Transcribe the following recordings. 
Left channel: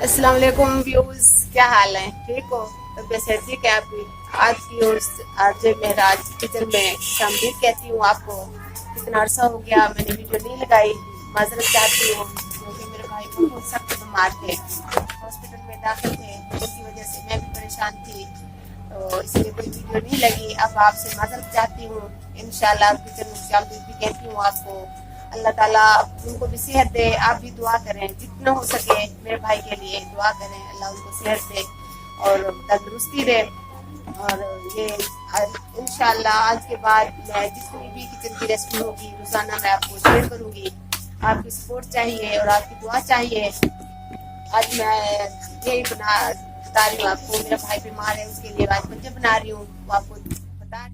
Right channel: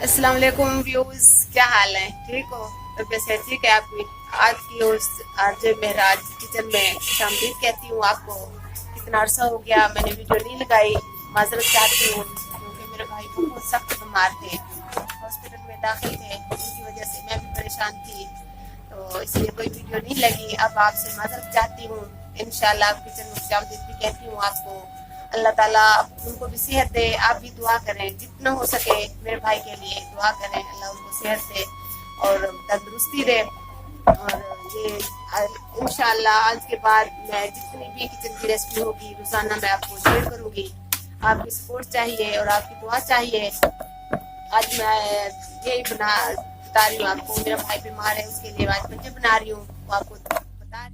अस्सलाम वालेकुम व्यूज, क्या हाल है? ठीक हो? तबीयत सेहत ठीक है आपकी? आज की ओर आज महराज किचन में शामिल कहती हूँ आपको। कितना अरसा हो गया मैंने वीडियो नहीं लगाई, माजरत चाहती हूँ क्योंकि मेरे भाई बहुत सख्त बीमार थे, हॉस्पिटल में दाखिल थे, उनकी वजह से मैं भी परेशान थी, तो इसलिए कोई वीडियो नहीं लगी। अब आपसे माजरत चाहती हूँ। इंशाल्लाह किचन में शामिल भी कहती हूँ आपको। अल्लाह ताला उनको भी सेहत दे। आप भी दुआ करें, जितना हो सके मेरे भाई के लिए दुआ करें, अल्लाह उनको सेहत दे और तंदुरुस्ती दे। और ये इंशाल्लाह आज के बाद मैं जितनी भी किचन की रेसिपी होगी रोजाना मैं आपको शेयर करूंगी। आपकी सपोर्ट चाहिए और आपकी दुआ चाहिए। आज मैं यही बता रही हूँ आपको, मेरा भाई बीमार है उसके लिए आज पंजे बना रही हूँ, वो आपको बता।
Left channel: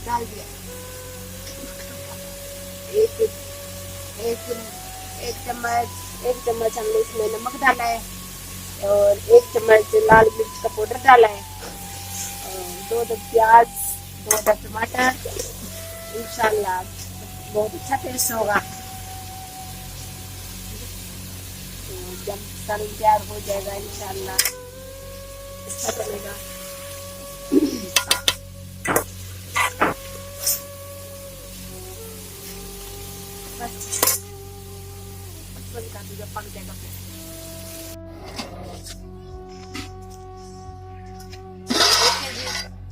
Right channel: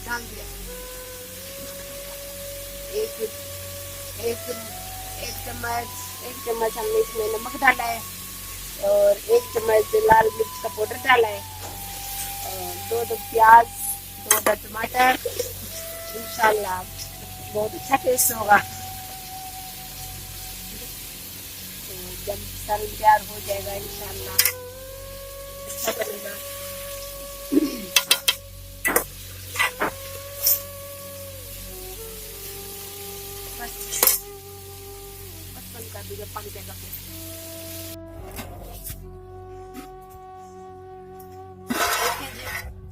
डाल दिया एक एक एक चम्मच हमने इसमें नमक डाला है और एक चम्मच लाल मिर्च का पाउडर डाला है, दो प्याज, दो टमाटर। इंशाल्लाह बहुत अच्छा टेस्ट होगा। तो जब तैयार हो जाएगा इंशाल्लाह अच्छा बनेगा। पानी का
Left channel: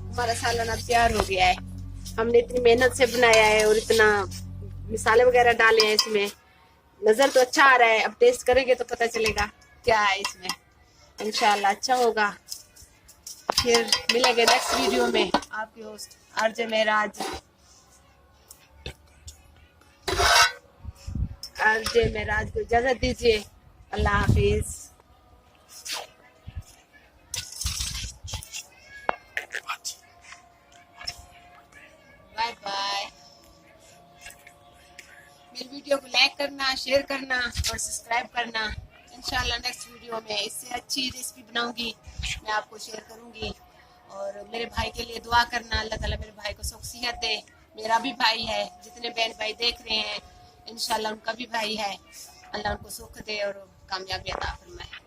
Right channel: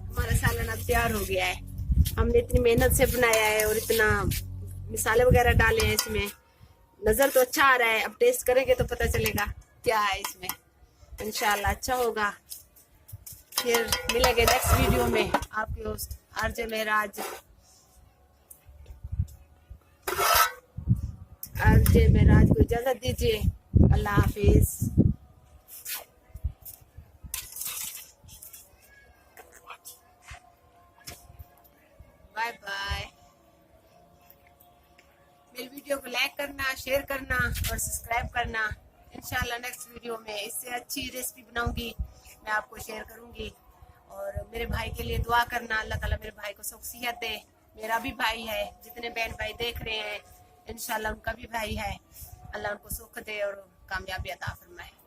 हमारा सालन अब तैयार हो गया है। हमने इतनी मेहनत से बनाया है और इतना मसाले वगैरह डाले हैं इसमें। नजर तो अच्छा आ रहा है, अब टेस्ट करेंगे तो पता चलेगा क्या है इसमें। इंशाल्लाह अच्छा होगा। फिर मिलेंगे नेक्स्ट वीडियो में। आपके होस्ट आरजे महराज को इजाजत दीजिए। अल्लाह हाफिज। Bye bye. मेरी वीडियो को लाइक करना, शेयर करना और सब्सक्राइब करना। इंशाल्लाह नेक्स्ट वीडियो में इससे अच्छी रेसिपी बनाऊंगी, मैं आपको शेयर करूंगी। और मेरे भाई के लिए दुआ करना, अल्लाह ताला मेरे भाई को सुख सेहत दे। मेरा भी भाई है, जितने बहन भाई देख रहे हैं इंशाल्लाह उनका भी भाई है, अल्लाह उनको सुख दे और कामयाबी अता फरमाए।